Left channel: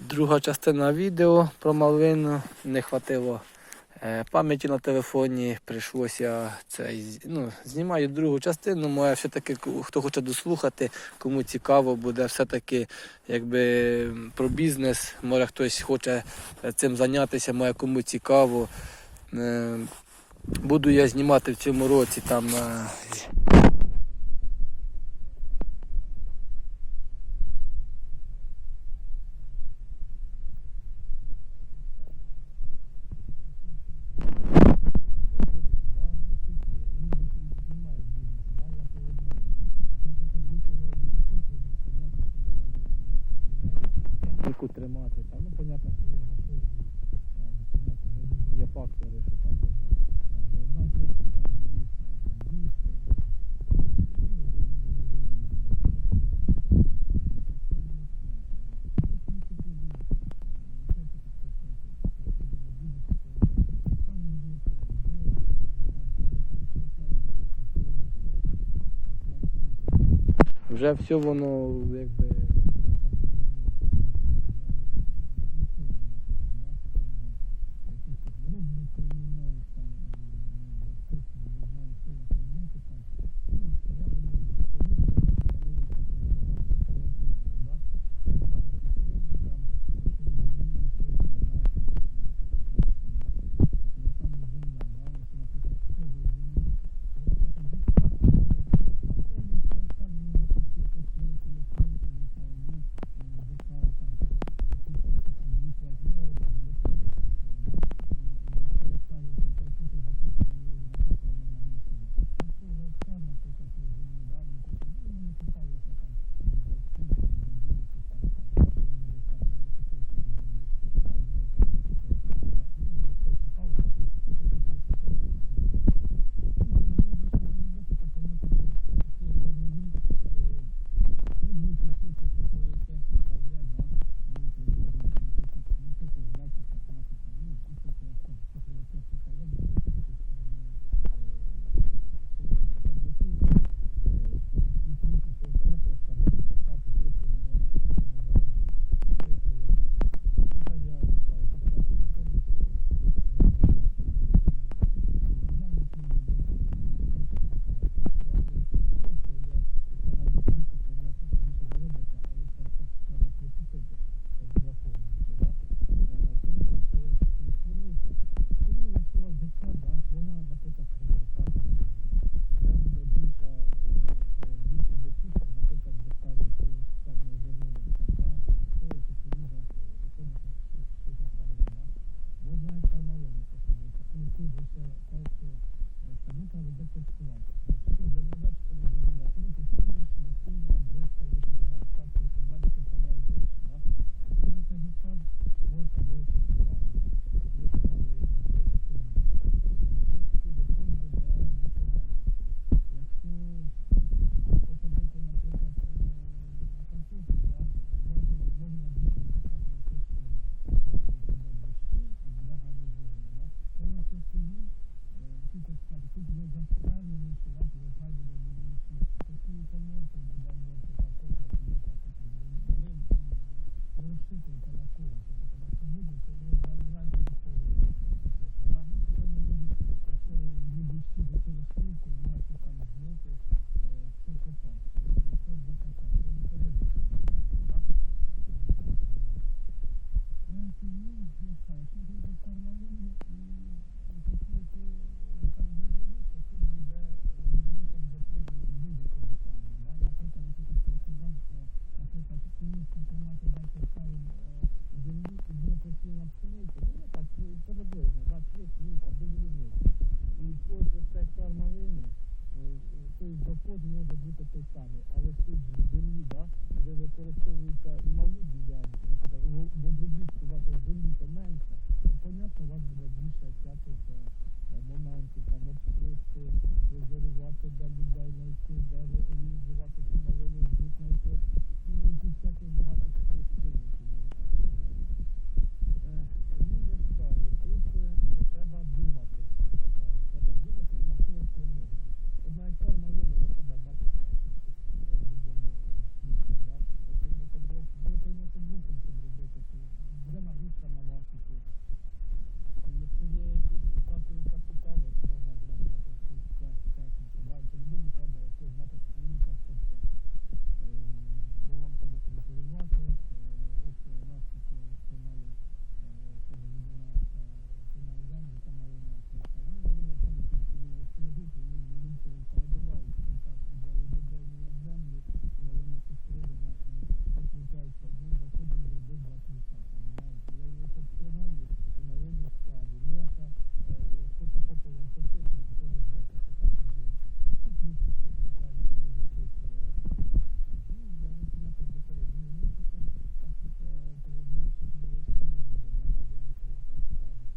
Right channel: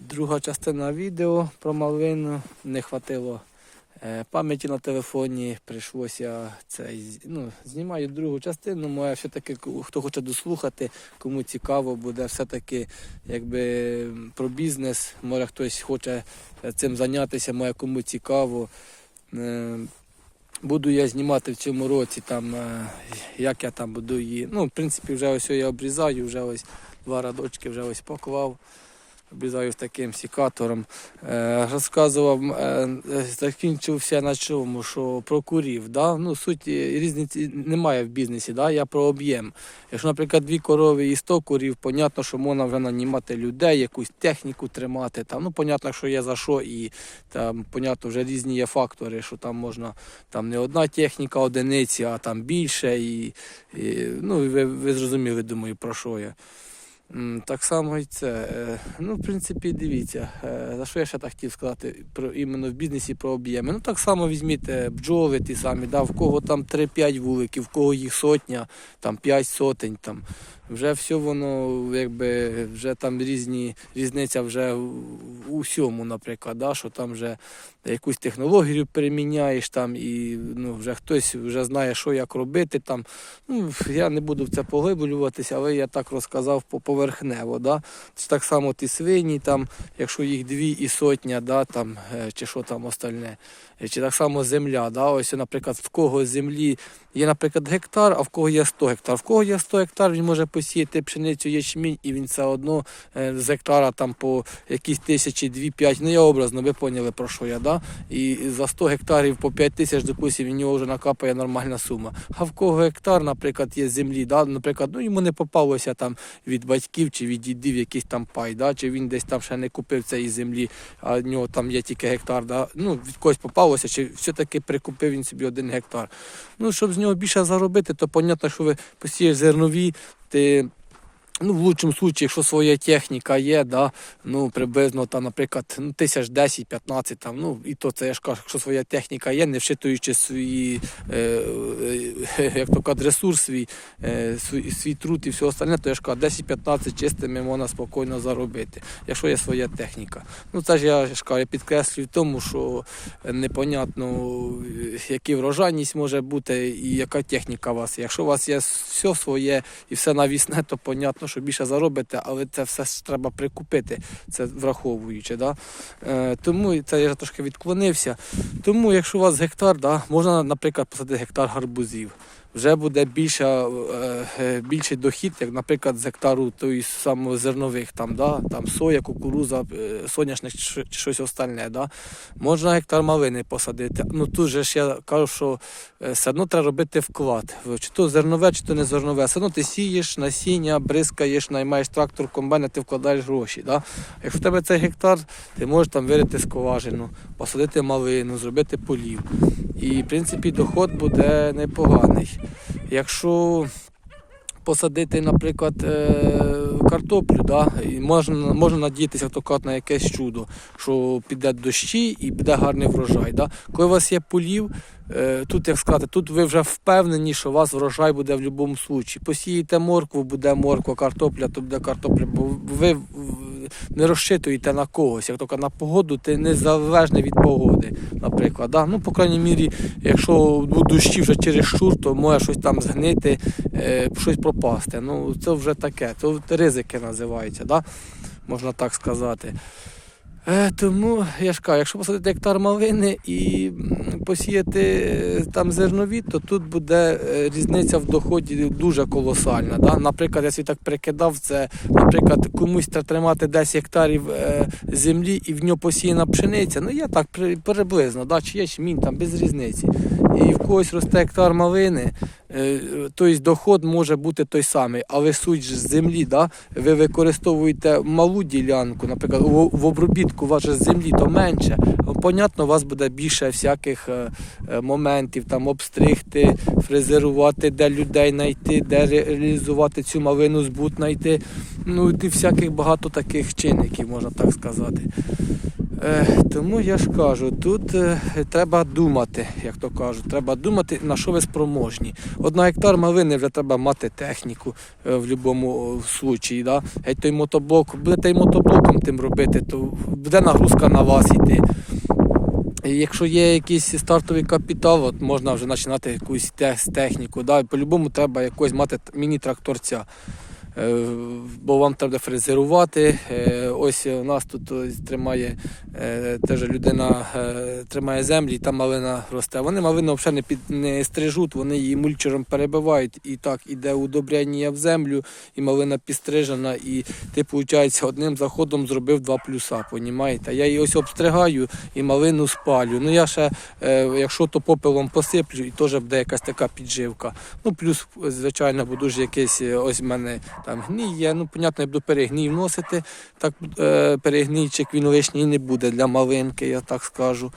Друга частина відео про малину. Не хватило е, пам'яті на телефоні. Прийшлося це ну, знімаю другу частину. Моя все-таки хто хоче дослухати, кому цікаво буде все-таки якби про бізнес. Може хтось хоче е, цим зайнятися, моє кому цікаво. Е, Буду я знімати в цьому році, там, як я там буду її. Ну, в принципі, вже ось я обрізаю, вже ось два радочки вже ось поклав. Обрізаю таким сікатором. Е, розказував, е, закінчився на чому, що про курів. Да? Ну, суть е, різниці немає в бізнесі, да? я про об'єм. Якщо, наприклад, дві корови і 100 курів, понятно, що можна вже нанімати людей, якусь техніку тримати. Там, ну, понятно, що є за що, і там, понятно, вже різні є фактори, що там можна там не одна техніка одиниці, а там більше. І, і, ну, ви, ви зрозуміли, думаю, про що я. Так само і це. Е, Ну, в принципі, дивіться, е, за що я ще так хотів сказати про іменно в бізнесі про об'єми. Ну так само візьміть е, бджоли ті самі, да, в кого там 3-5 вуликів, в кого їх сотня, там 5 сотень. Там. Вже все воно, якби вже там різні різниця вже в усьому, наприклад, да, що там вже якусь технологію переміняєш там і ну, вже хтось вже знає, що як робити там. Ну, я не буду в це поглиблюватися, але я так розказав по- поверхнево. Да? Це так само ті свині, там, якщо їх дві і сотня, да, там, е, чи що там остальне. Чи так само земля. Да? Ось, наприклад, в кого землі є, наприклад, гектар, а в кого є 100 гектар. В кого є 100 гектар, він може посіяти пшеницю ячмінь, і він все одно е, з гектара там по якісь тисячі, дві-п'ять. Ну я образно, ви поняли про що я, да? І за 100 гектарів по 5 тисяч, допустим, в нього вже накапає нормальна сума. А в кого гектар, наприклад, є землі, да? наприклад, ну йому не попалося там від батьків чи від дідів якийсь там пай, да? чи він десь там ще не купив цієї землі, а в нього там є тільки гектар. Да? Ну, від когось попалося, чи все-таки прикупив він собі один гектар. Ну, щоб з нього більше заробити, то понятно, що ви посієш зернові, ти. Ну, в лучшому випадку, якщо своя техніка є, да, ну, приблизно, там, наприклад, ну, тисяч 10-15, там, ну, і то це я ж кажу, якщо своя техніка є, не вшитуючи свої, е, е, як то кажуть, ресурс свій, е, свій, свій труд і все остальне, то я ж кажу, 10-15 чистими можна спокійно заробити, якщо є своя техніка. Ну, це ж я ж кажу, я підкреслюю тому, що непонятно, який врожайність може бути і яка техніка у вас. Якщо у вас є все своє і все навісне, то понятно, що більше заробите, але це все ж треба прикупити, це враховуючи. Да? Е, тому це я трошки відклонився. Тому, якщо у вас гектар, да, можна, наприклад, посадити гектар гарбузів. Вже буде більше, е, е, більший дохід, як, наприклад, з гектару тої самої зернових, там, да, там соя, кукуруза, е, соняшник чи щось остальне. Да. Можна гектар малини посадити. Ну тут же ж я кажу, що все одно треба робити вклад. Чи то зернове, чи то не зернове. Все одно ти сієш насіння, бризкаєш, наймаєш трактор, комбайн, ти вкладаєш гроші. Да? Якщо в тебе цей гектар, ти можеш там вирити скважину, посадити малину, зробити полів. І в принципі доход буде непоганий. Якщо посадити, наприклад, е, картоплю, да? і можна, можна надіятися хто на якесь чудо, що піде дощі і буде гарний врожай. Да? Коли у вас є полів, е, тут як сказати, тут ви вже впевнені, що у вас врожай буде в будь-якому випадку. Посієте моркву, буде морква, картопля, то буде картопля, бо ви не розчитуєте на когось. Як тільки на погоду, ти не залежний від погоди, наприклад. Да? Ну, по крайній мірі, якщо дощі вже через щур, то може щось там згнити, е, щось пропасти. Ну, це вже таке, це ризики називаються, да? можна так сказати. Е, тому я ж кажу, якщо посадити гектар малини і посіяти е, там зернові, то тут буде е, різниця в доході дуже колосальна. Да? Наприклад, я собі так прикидав, це, наприклад, комусь тримати 10 гектарів землі і в нього посіяна пшениця. Ну я так приблизно, да? чи ячмінь, там без різниці. І в когось росте гектар малини, тобто доход може бути той самий, але суть з землі, да? ви використовуєте малу ділянку, наприклад, в, обробітку у з землі то менше. Понятно, у вас буде більше всяких е, е, моментів, там обстригти, фрезерувати, де людей знайти, де реалізувати цю малину, збут знайти. Ну і всяких багато таких чинників, можна так сказати. Е, тому я ж кажу, тут е, треба думати, як то кажуть, треба думати, на що ви спроможні. От на гектар малини вже треба мати техніку е, в будь-якому случаї. Да? Геть той мотоблок, будете й мотоблоком тим робити, то буде нагрузка на вас йти. Якщо є якийсь стартовий капітал, от можна вже починати якусь техніку. Да? По-любому треба якось мати міні-тракторця. Бо вам треба фрезерувати. Ось у нас тут тримає теж людина е, тримає землі, і там малина росте. Вони малину взагалі не, під, не стрижуть, вони її мульчером перебивають. І так іде удобряння в землю, і малина підстрижена. І ти, виходить, одним заходом зробив два плюса. Понімаєте? Я її ось обстригаю і малину спалю. Ну я ще, е, якщо то попелом посиплю, і теж буде якась така підживка. Ну, плюс, звичайно, буду ж якийсь е, ось в мене там гній є. Ну, понятно, я буду перегній вносити. Так е, перегнійчик він лишній не буде для малинки, я так скажу.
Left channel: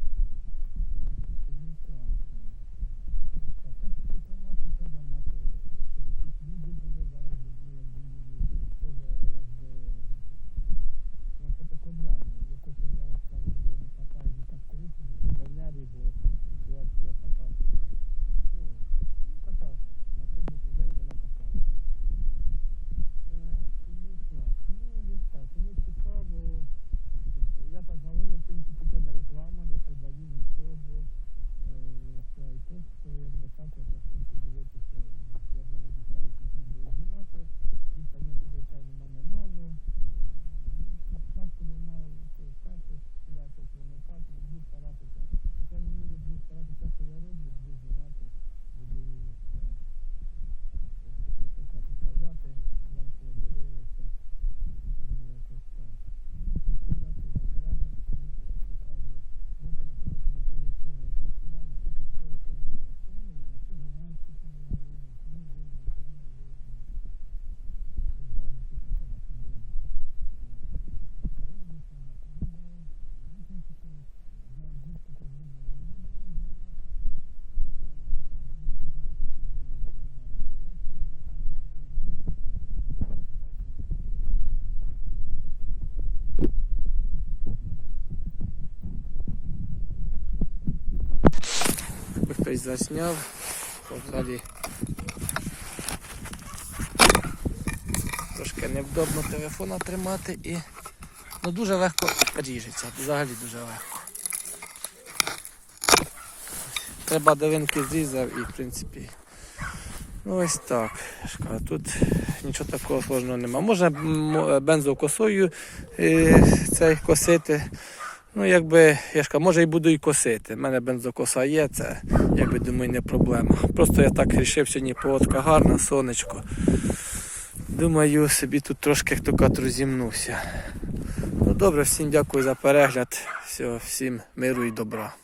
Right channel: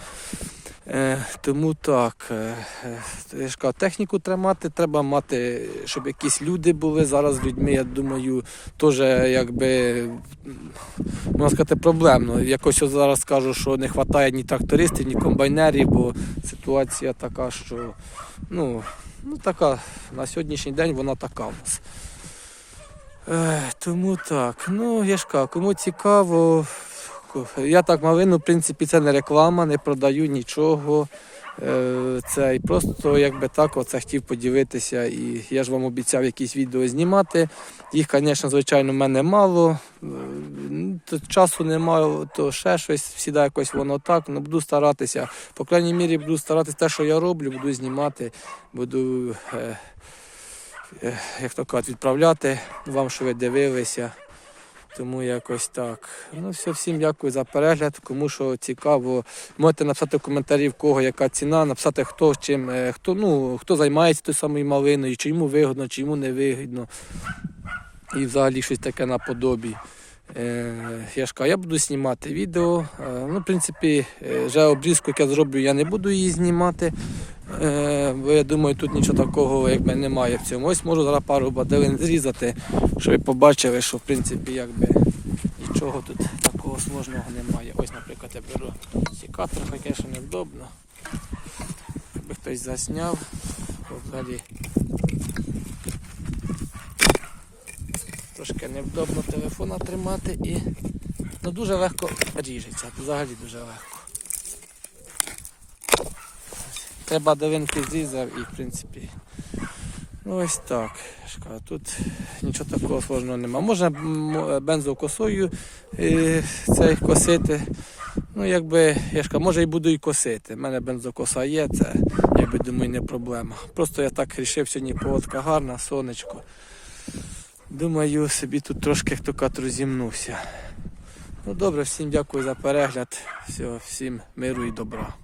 Е, тому так, е, е, кажу, техніку треба мати, треба мати, щоб якісь люди були зараз людьми, я думаю, теж якби можна сказати, проблемно. Якось зараз скажу, що не вистачає ні трактористів, ні комбайнерів, бо ситуація така, що ну, ну така на сьогоднішній день вона така у нас. Тому так. Ну, я ж кажу, кому цікаво. Я так малину, в принципі, це не реклама, не продаю нічого. Е, Це і просто якби так оце хотів подивитися. І я ж вам обіцяв якісь відео знімати. Їх, звісно, звичайно, в мене мало. Е, то Часу немає, то ще щось, всіда якось воно так. Ну, буду старатися. По крайній мірі буду старатися те, що я роблю, буду знімати, буду. Е, е, як то кажуть, відправляти вам, що ви дивилися. Тому якось так. Ну все, всім дякую за перегляд. Кому що цікаво, можете написати в коментарі, в кого яка ціна, написати хто чим, е, хто, ну, хто займається тою самою малиною, чи йому вигідно, чи йому не вигідно. І взагалі щось таке наподобі. Е, я ж кажу, я буду знімати відео. Е, ну, в принципі, вже обрізку, як я зроблю, я не буду її знімати. Е, бо я думаю, тут нічого такого якби немає в цьому. Ось можу зараз пару баделин зрізати, щоб ви побачили, що в принципі якби нічого тут такого сложного немає. Ось, наприклад, я беру сікатор, хоча звісно, невдобно. Якби хтось засняв, то взагалі трошки невдобно телефона тримати і ну, дуже легко ріжеться, взагалі дуже легко. Треба долинки зрізав і в принципі. Ну ось так. Тут нічого такого сложного немає. Можна бензокосою е, цей косити. Ну, якби, я ж може і буду і косити. У мене бензокоса є, це якби думаю, не проблема. Просто я так вирішив, сьогодні погодка гарна, сонечко. Думаю, собі тут трошки хто кажуть, розімнувся. Ну добре, всім дякую за перегляд. Все, всім миру і добра.